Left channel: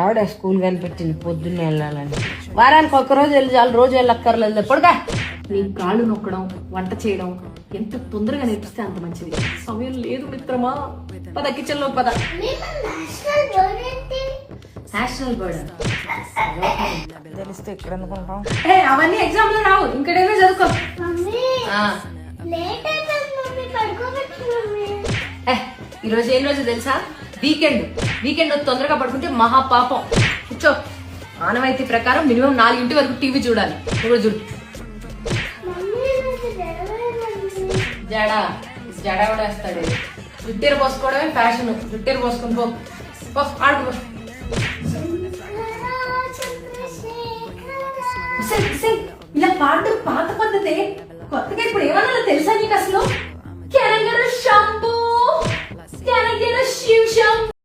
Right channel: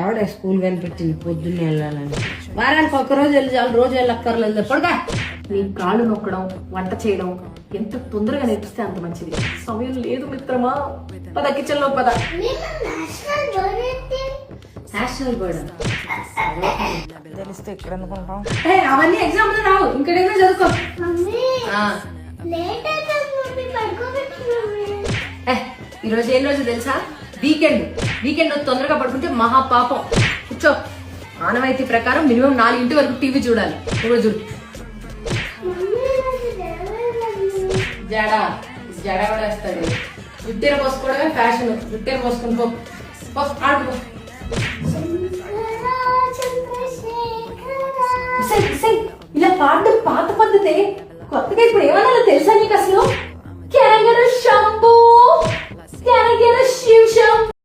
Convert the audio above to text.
ఎవడే school కనిపెట్టింది పొద్దున్నే వెళ్ళాలని? వారానికి ఒక్కరోజు వెళ్ళి చాలు, రోజు వెళ్ళక్కర్లేదు. ఎప్పుడుగా నీ కాళ్ళు నొక్కడం, వంట చేయడం ఎంత తొందరగా నేర్పిస్తే అంత మంచిది. సమయం లేదు మిత్రమా, పద కిచెన్ లో పద. నేషనల్ బర్డ్ తెలిస్తే ఇక్కడ అనుకుంటాం. అవన్నీ ఎగ్జామ్ లో రావు, ఇంకడేదో చదువుకో. ఈరోజు ఏం రోజు తెలుసా? వీకెండ్. వీకెండ్ తొందరగా పడుకుంటే మహా పాపం. కూర్చో. ఆనవాయితీ ప్రకారం మినిమం 4 వరకు టీవీ చూడాలి రోజు. జడా జడా కూడా వేస్తాడు. విట్టేరు పోసుకోవడమే ఫ్యాషన్. విట్టేరు పోసుకుని పో ఆడుకో. ఇలా పాడడం పాత పద్ధతే. కొత్తగా ఇప్పుడు ఏమన్నా తెలుసా నీకు అసలు?